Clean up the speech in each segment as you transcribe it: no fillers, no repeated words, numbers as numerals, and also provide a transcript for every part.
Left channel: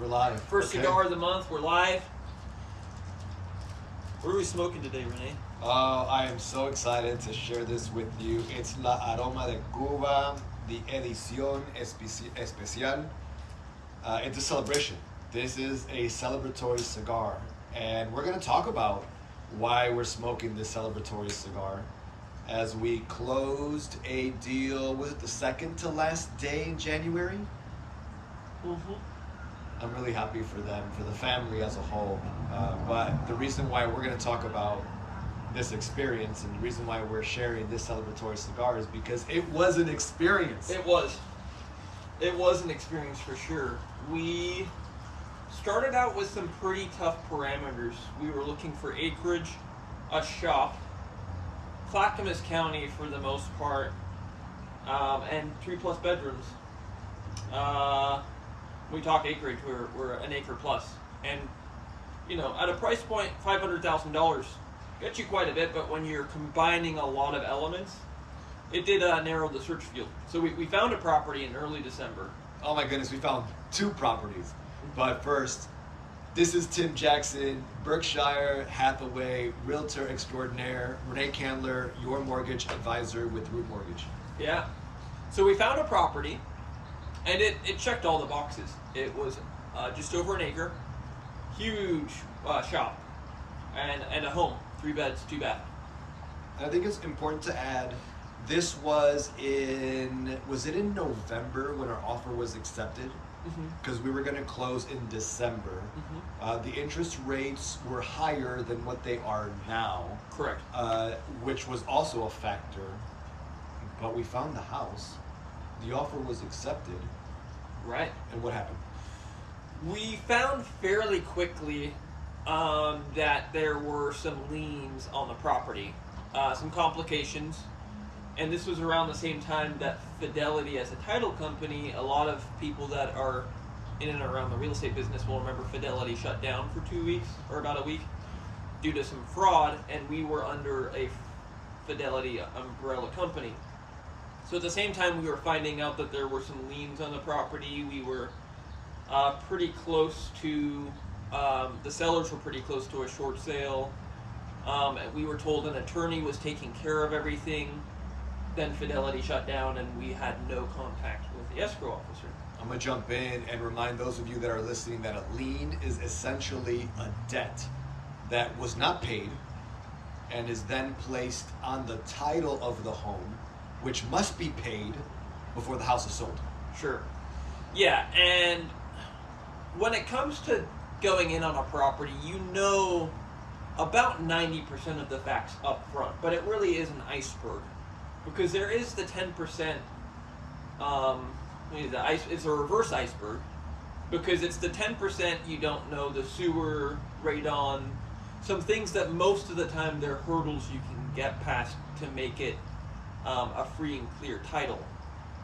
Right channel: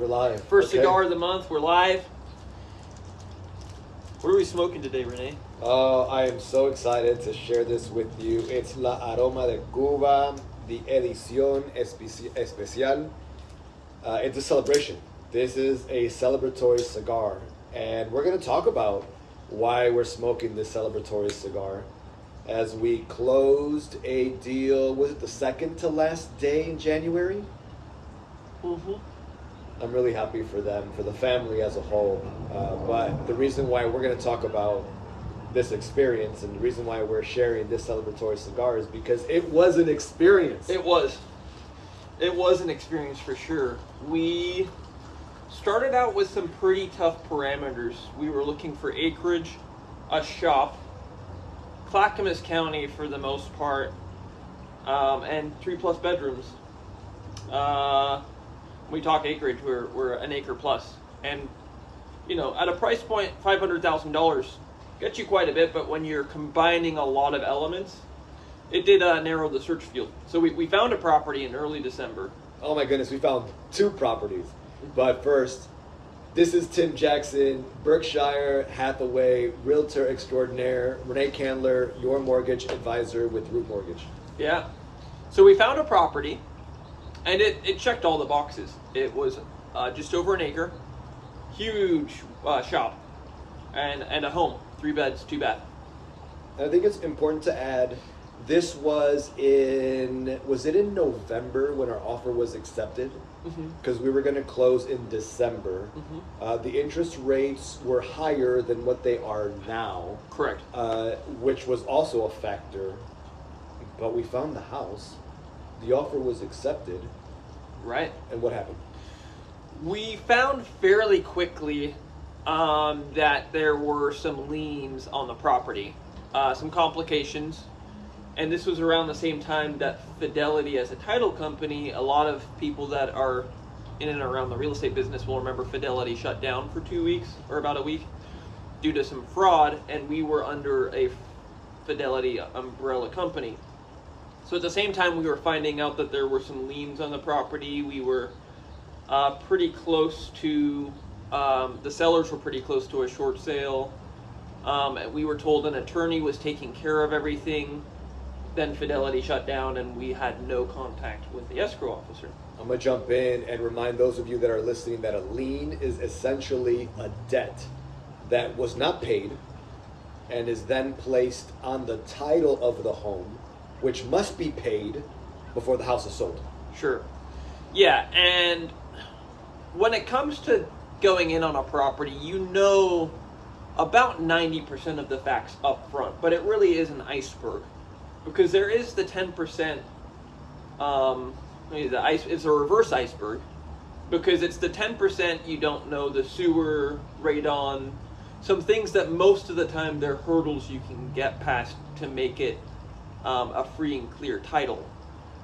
We're live. First Okay. cigar of the month. We're live. What are we smoking today, Renee? I am so excited to share this with you. It's La Aroma de Cuba, the Edición Especial. It's a celebration. This is a celebratory cigar, and we're going to talk about why we're smoking this celebratory cigar as we closed a deal. Was it the second to last day in January? Mm-hmm. I'm really happy for them, for the family as a whole. But the reason why we're going to talk about this experience and the reason why we're sharing this celebratory cigar is because it was an experience. It was an experience for sure. We started out with some pretty tough parameters. We were looking for acreage, a shop, Clackamas County for the most part, and 3+ bedrooms. We talk acreage, we're an acre plus. And, you know, at a price point, $500,000 gets you quite a bit, but when you're combining a lot of elements, it did narrow the search field. So we found a property in early December. Oh my goodness, we found 2 properties. But first, this is Tim Jackson, Berkshire Hathaway, Realtor Extraordinaire, Renee Candler, your mortgage advisor with Root Mortgage. Yeah. So we found a property, and it checked all the boxes. It was just over an acre, huge shop, and a home, 3 beds, 2 bath. And I think it's important to add, this was it in November when our offer was accepted? Because we were going to close in December. The interest rates were higher than what they are now. Correct. Which was also a factor. But we found the house. The offer was accepted. Right. And what happened? We found fairly quickly that there were some liens on the property, some complications, and this was around the same time that Fidelity as a title company, a lot of people that are in and around the real estate business will remember Fidelity shut down for 2 weeks, or about a week, due to some fraud, and we were under a Fidelity umbrella company. So at the same time we were finding out that there were some liens on the property, we were pretty close to, the sellers were pretty close to a short sale. We were told an attorney was taking care of everything. Then Fidelity shut down and we had no contact with the escrow officer. I'm going to jump in and remind those of you that are listening that a lien is essentially a debt that was not paid and is then placed on the title of the home, which must be paid before the house is sold. Sure. Yeah, and when it comes to going in on a property, you know about 90% of the facts up front, but it really is an iceberg because there is the 10%, it's a reverse iceberg because it's the 10% you don't know, the sewer, radon, some things that most of the time they're hurdles you can get past to make it a free and clear title.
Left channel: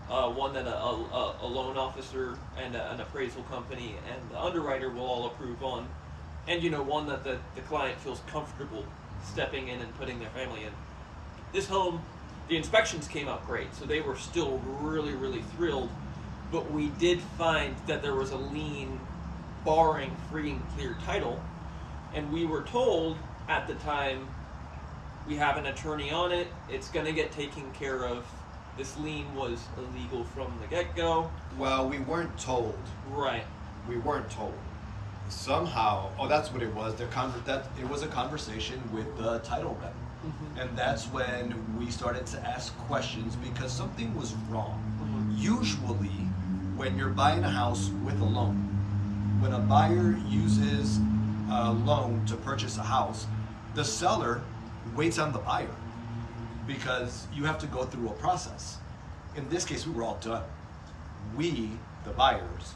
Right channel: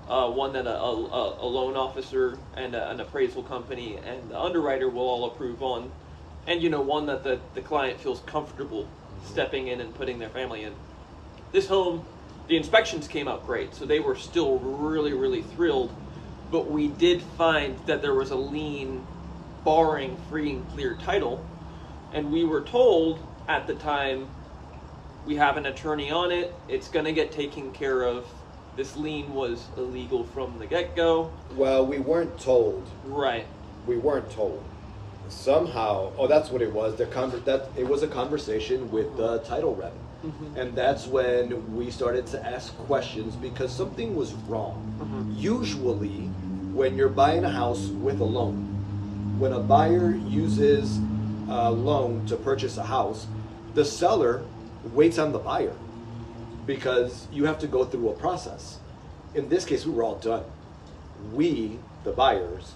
One that a loan officer and an appraisal company and the underwriter will all approve on, and you know, one that the client feels comfortable stepping in and putting their family in. This home, the inspections came out great, so they were still really, really thrilled, but we did find that there was a lien barring free and clear title, and we were told at the time, we have an attorney on it, it's going to get taken care of. This lien was illegal from the get-go. Well, we weren't told. Right. We weren't told. Somehow, that's what it was. It was a conversation with the title rep. And that's when we started to ask questions because something was wrong. Usually, when you're buying a house with a loan, when a buyer uses a loan to purchase a house, the seller waits on the buyer because you have to go through a process. In this case, we were all done. We, the buyers,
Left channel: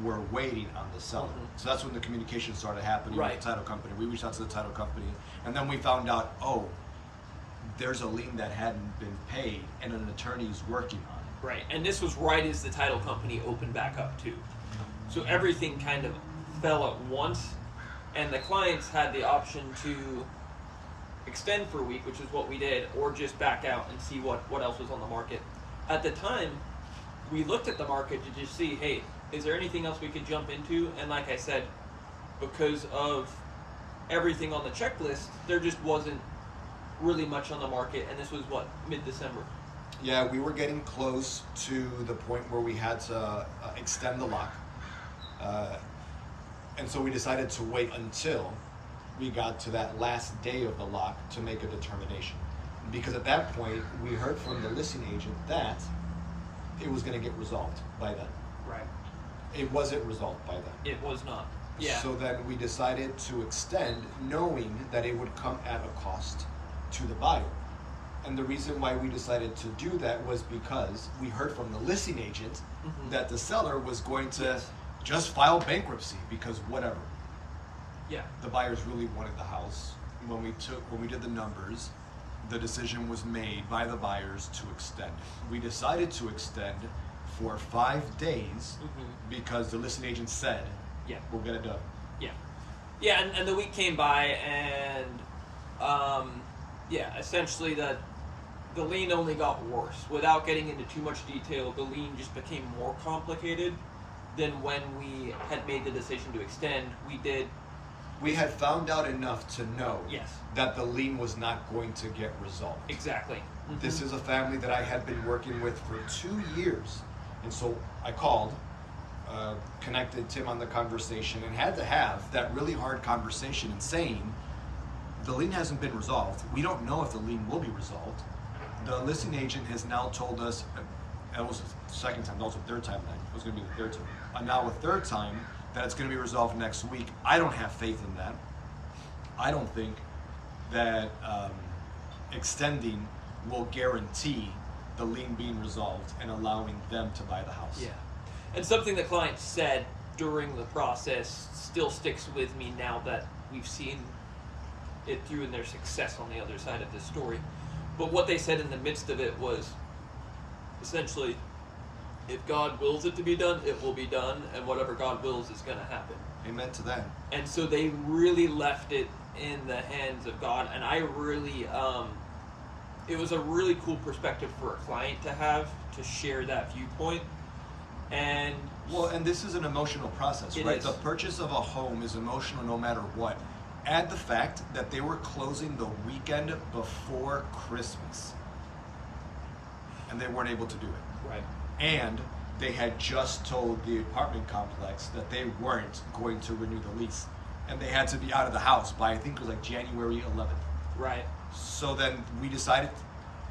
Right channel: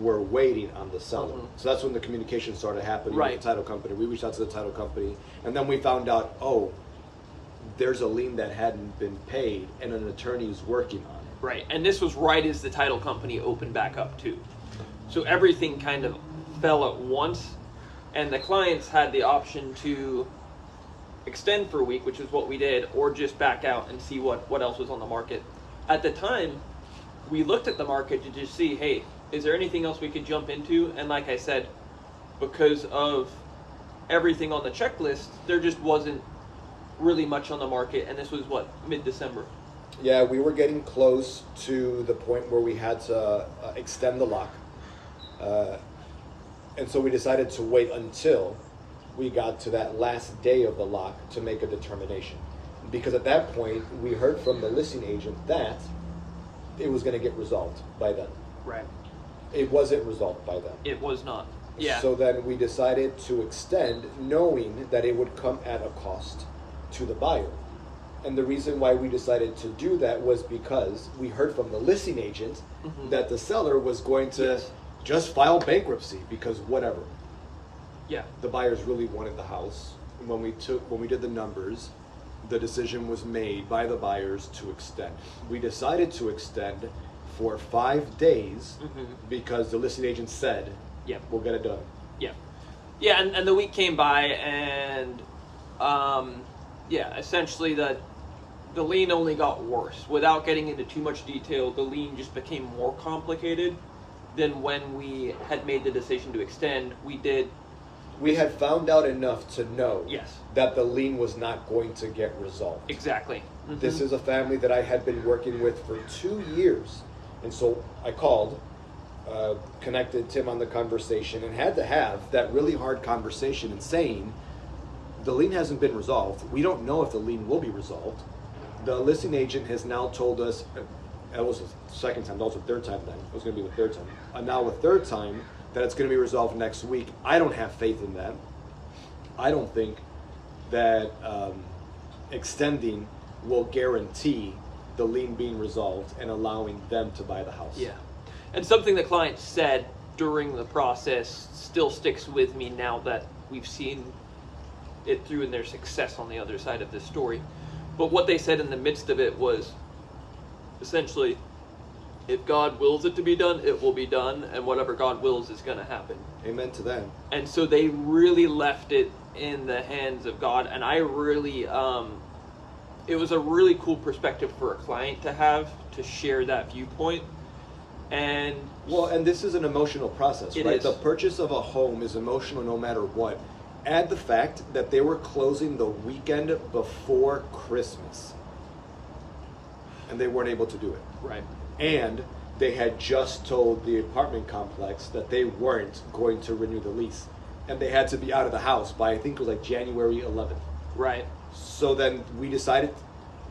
were waiting on the seller. So that's when the communication started happening with the title company. We reached out to the title company, and then we found out, there's a lien that hadn't been paid and an attorney is working on it. Right, and this was right as the title company opened back up too. So everything kind of fell at once, and the clients had the option to extend for a week, which is what we did, or just back out and see what else was on the market. At the time, we looked at the market to just see, hey, is there anything else we could jump into? And like I said, because of everything on the checklist, there just wasn't really much on the market, and this was what, mid-December. Yeah, we were getting close to the point where we had to extend the lock. And so we decided to wait until we got to that last day of the lock to make a determination. Because at that point, we heard from the listing agent that it was going to get resolved by then. Right. It wasn't resolved by then. It was not. Yeah. So then we decided to extend, knowing that it would come at a cost to the buyer. And the reason why we decided to do that was because we heard from the listing agent that the seller was going to just file bankruptcy because whatever. Yeah. The buyers really wanted the house. When we did the numbers, the decision was made by the buyers to extend. We decided to extend for 5 days because the listing agent said, Yeah. we'll get it done. Yeah. Yeah, and the week came by, and essentially the lien only got worse. Without getting into too much detail, the lien just became more complicated than when we had made the decision to extend. We had found out enough to know Yes. that the lien was not going to get resolved. Exactly. This is a family that I had been working with for 2 years. And so I called, connected Tim on the conversation, and had to have that really hard conversation and saying, the lien hasn't been resolved. We don't know if the lien will be resolved. The listing agent has now told us, that was the second time, that was the third time then, it was going to be the third time. Now a third time, that it's going to be resolved next week. I don't have faith in that. I don't think that extending will guarantee the lien being resolved and allowing them to buy the house. Yeah. And something the client said during the process still sticks with me now that we've seen it through in their success on the other side of the story. But what they said in the midst of it was essentially, if God wills it to be done, it will be done, and whatever God wills is going to happen. Amen to that. And so they really left it in the hands of God, and I really, it was a really cool perspective for a client to have, to share that viewpoint. And this is an emotional process, right? Is. The purchase of a home is emotional no matter what. Add the fact that they were closing the weekend before Christmas, and they weren't able to do it. Right. And they had just told the apartment complex that they weren't going to renew the lease, and they had to be out of the house by, I think it was like January 11th. Right. So then we decided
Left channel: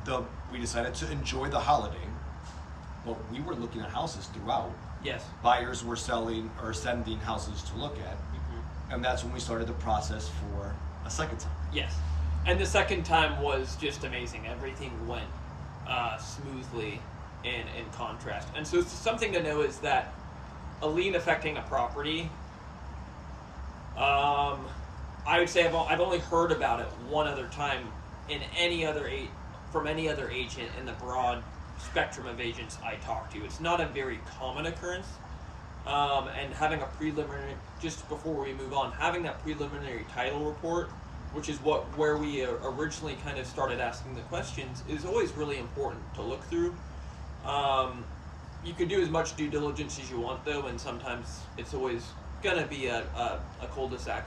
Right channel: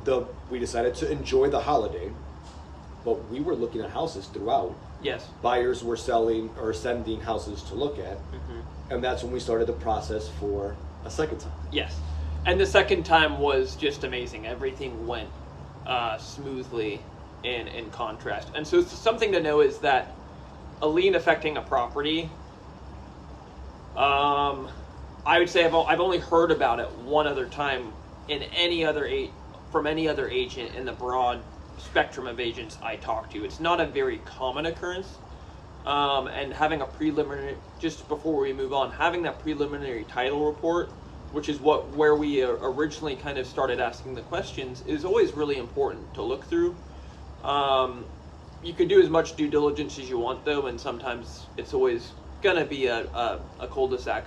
to enjoy the holiday, but we were looking at houses throughout. Yes. Buyers were selling or sending houses to look at, and that's when we started the process for a second time. Yes. And the second time was just amazing. Everything went smoothly in contrast. And so something to know is that a lien affecting a property, I would say I've only heard about it one other time from any other agent in the broad spectrum of agents I talk to. It's not a very common occurrence. And having a preliminary, just before we move on, having that preliminary title report, which is where we originally kind of started asking the questions, is always really important to look through. You can do as much due diligence as you want, though, and sometimes it's always going to be a cul-de-sac.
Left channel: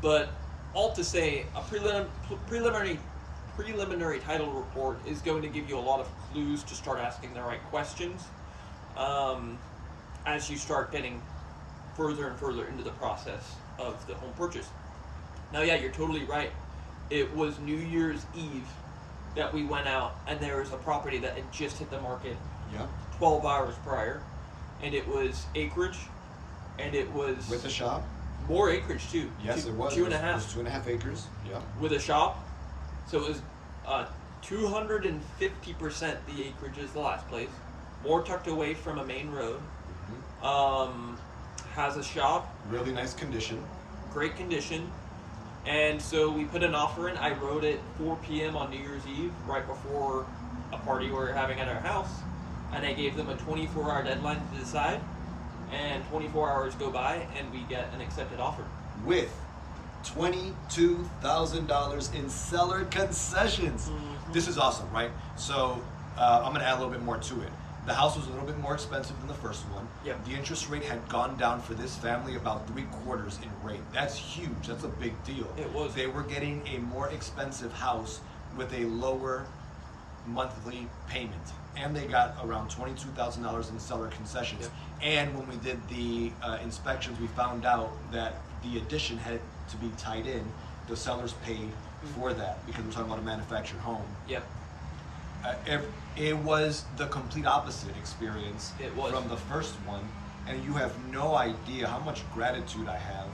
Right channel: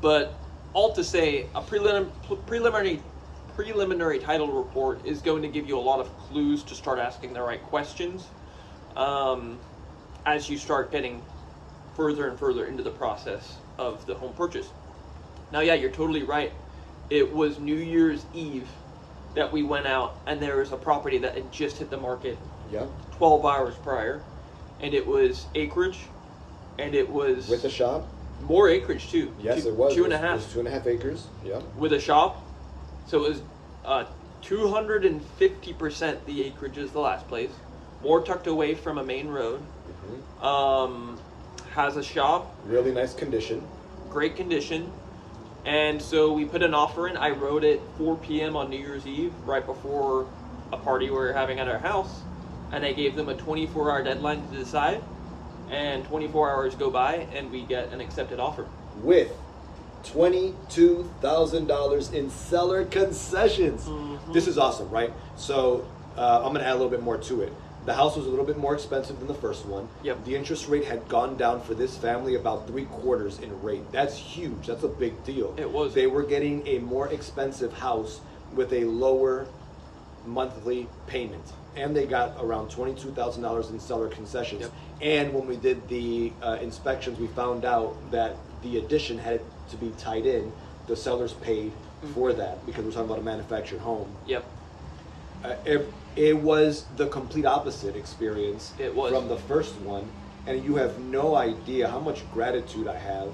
But all to say, a preliminary title report is going to give you a lot of clues to start asking the right questions as you start getting further and further into the process of the home purchase. Now, yeah, you're totally right. It was New Year's Eve that we went out, and there was a property that had just hit the market 12 hours prior, and it was acreage, and it was With the shop? more acreage too. Yes, it was. 2.5. It was 2.5 acres. Yeah. With a shop, so it was 250% the acreage is the last place. More tucked away from a main road. Has a shop. Really nice condition. Great condition. And so we put an offer in. I wrote it 4 p.m. on New Year's Eve, right before a party we were having at our house. And I gave them a 24-hour deadline to decide. And 24 hours go by, and we get an accepted offer. With $22,000 in seller concessions. This is awesome, right? So I'm going to add a little bit more to it. The house was a little bit more expensive than the first one. Yep. The interest rate had gone down for this family about 3/4 in rate. That's huge. That's a big deal. It was. They were getting a more expensive house with a lower monthly payment. And they got around $22,000 in seller concessions. Yep. And when we did the inspections, we found out that the addition had to be tied in. The sellers paid for that because we're talking about a manufactured home. Yep. It was the complete opposite experience It was. from the first one, and you have no idea how much gratitude I have,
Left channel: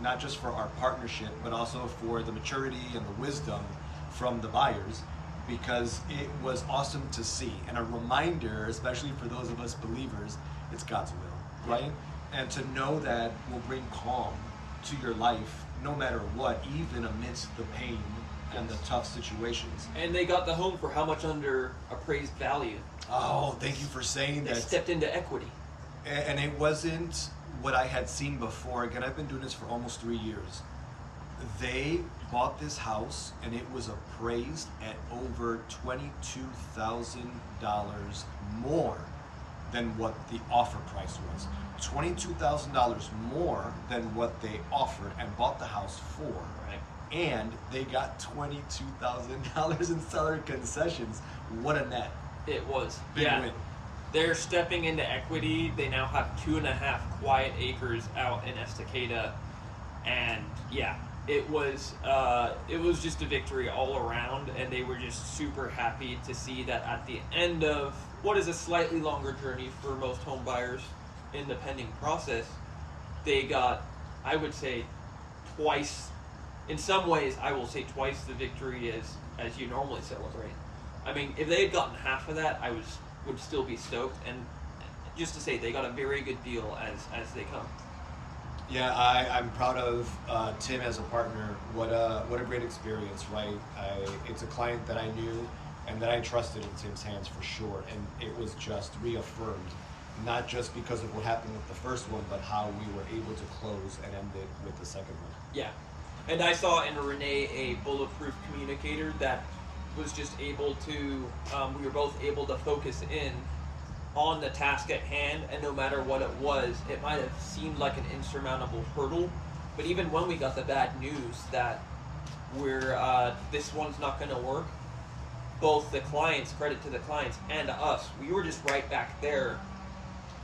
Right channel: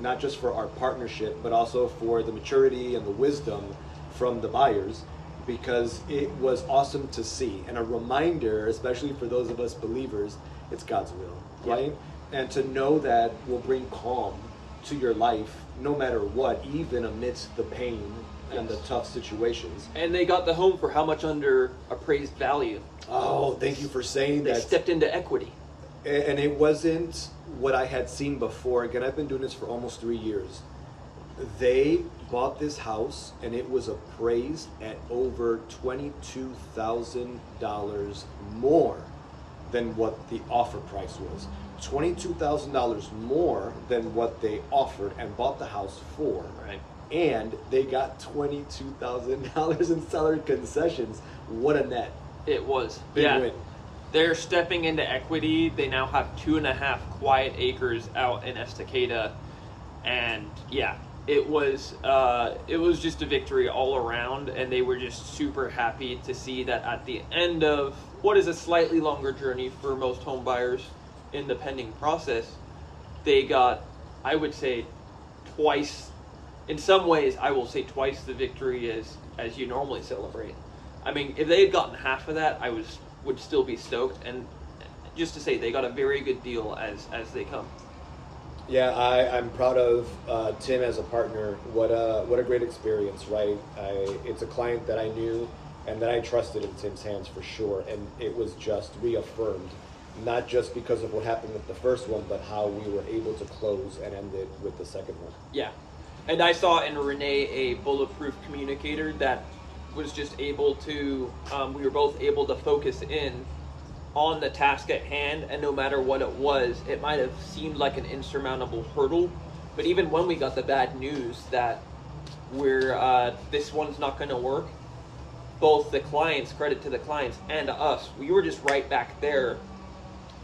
not just for our partnership, but also for the maturity and the wisdom from the buyers, because it was awesome to see, and a reminder, especially for those of us believers, it's God's will, right? And to know that will bring calm to your life no matter what, even amidst the pain and the tough situations. And they got the home for how much under appraised value? Oh, thank you for saying They that. stepped into equity. And it wasn't what I had seen before. Again, I've been doing this for almost 3 years. They bought this house and it was appraised at over $22,000 more than what the offer price was. $22,000 more than what they offered and bought the house for. Right. And they got $22,000 in seller concessions. What a net. It was. Big win. They're stepping into equity. They now have 2.5 quiet acres out in Estacada. And yeah, it was just a victory all around, and they were just super happy to see that at the end of what is a slightly longer journey for most home buyers in the pending process, they got, I would say, twice, in some ways I will say twice the victory as you normally celebrate. I mean, if they had gotten half of that, I would still be stoked, and just to say they got a very good deal as they come. Yeah, I'm proud of Tim as a partner. What a great experience, right? It's a client that I knew and that I trusted in Tim's hands for sure, and it was just reaffirmed, not just because of what happened with the first one, but how we were able to close and end it with the second one. Yeah, and I saw in Renee a bulletproof communicator that was just able to, we were both able to focus in on the task at hand, and no matter what it was, it might have seemed like an insurmountable hurdle, but even when we got the bad news that this one's not going to work, both the clients, credit to the clients, and to us, we were just right back there,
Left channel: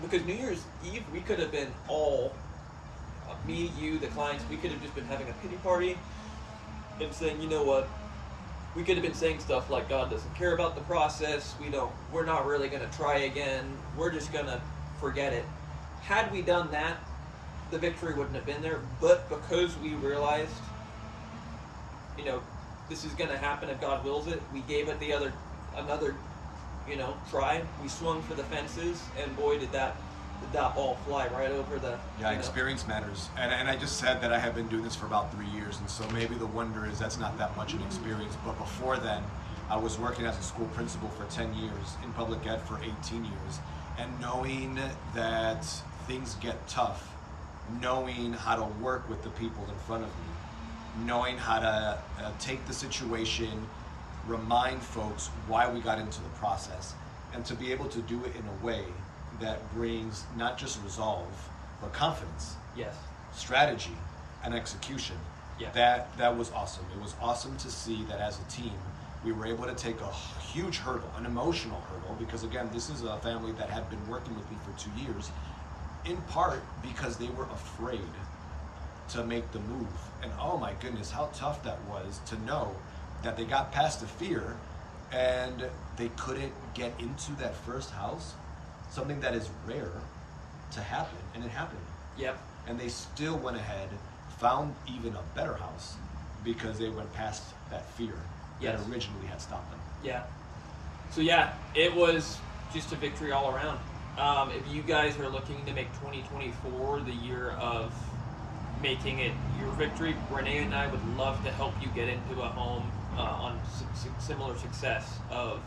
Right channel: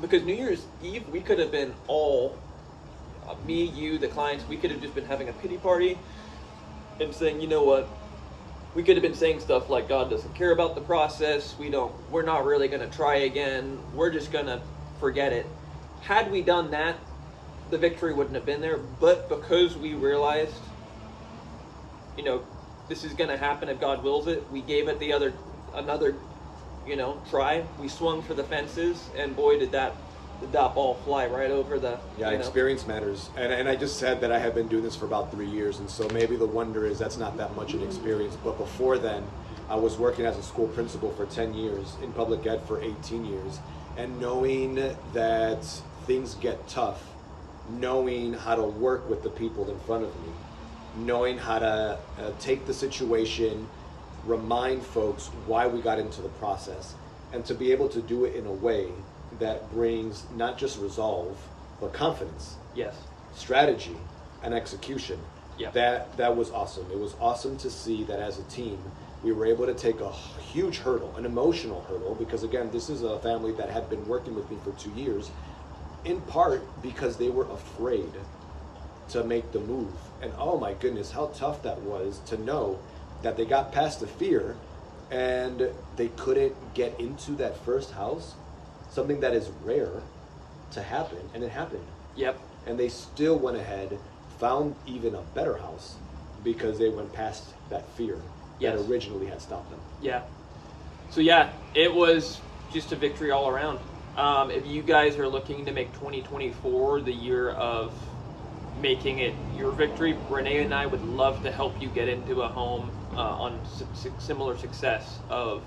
because New Year's Eve, we could have been all, me, you, the clients, we could have just been having a pity party and saying, you know what, we could have been saying stuff like God doesn't care about the process, we're not really going to try again, we're just going to forget it. Had we done that, the victory wouldn't have been there, but because we realized, this is going to happen if God wills it, we gave it another try. We swung for the fences, and boy, did that ball fly right over the... Yeah, experience matters. And I just said that I have been doing this for about 3 years, and so maybe the wonder is that's not that much an experience. But before then, I was working as a school principal for 10 years, in public ed for 18 years, and knowing that things get tough, knowing how to work with the people in front of me, knowing how to take the situation, remind folks why we got into the process, and to be able to do it in a way that brings not just resolve, but confidence, Yes. strategy, and execution. Yeah. That was awesome. It was awesome to see that as a team, we were able to take a huge hurdle, an emotional hurdle, because again, this is a family that had been working with me for 2 years, in part because they were afraid to make the move. And oh my goodness, how tough that was to know that they got past the fear and they couldn't get into that first house, something that is rare to happen, and it happened. Yep. And they still went ahead, found even a better house because they went past that fear that Yes. originally had stopped them. Yeah. So yeah, it was just a victory all around. If you guys are looking to make 2024 the year of making it your victory, Renee and I would love to help you get into a home on similar success of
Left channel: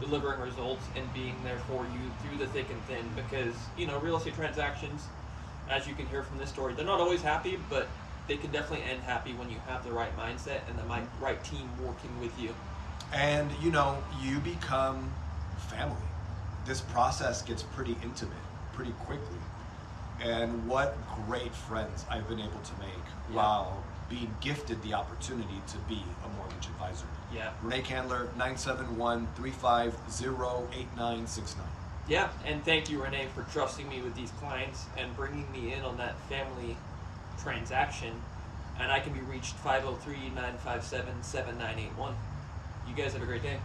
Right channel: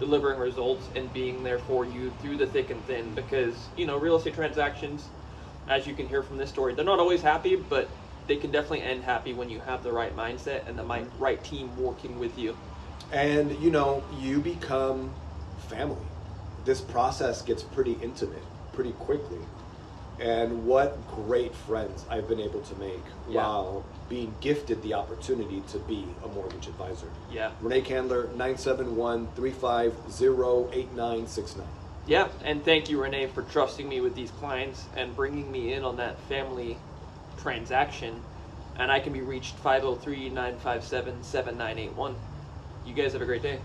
delivering results and being there for you through the thick and thin, because real estate transactions, as you can hear from this story, they're not always happy, but they can definitely end happy when you have the right mindset and the right team working with you. And you become family, this process gets pretty intimate pretty quickly. And what great friends I've been able to make while being gifted the opportunity to be a mortgage advisor. Yeah. Renee Candler, 971-350-8969. Yeah, and thank you, Renee, for trusting me with these clients and bringing me in on that family transaction. And I can be reached 503-957-7981. You guys have a great day.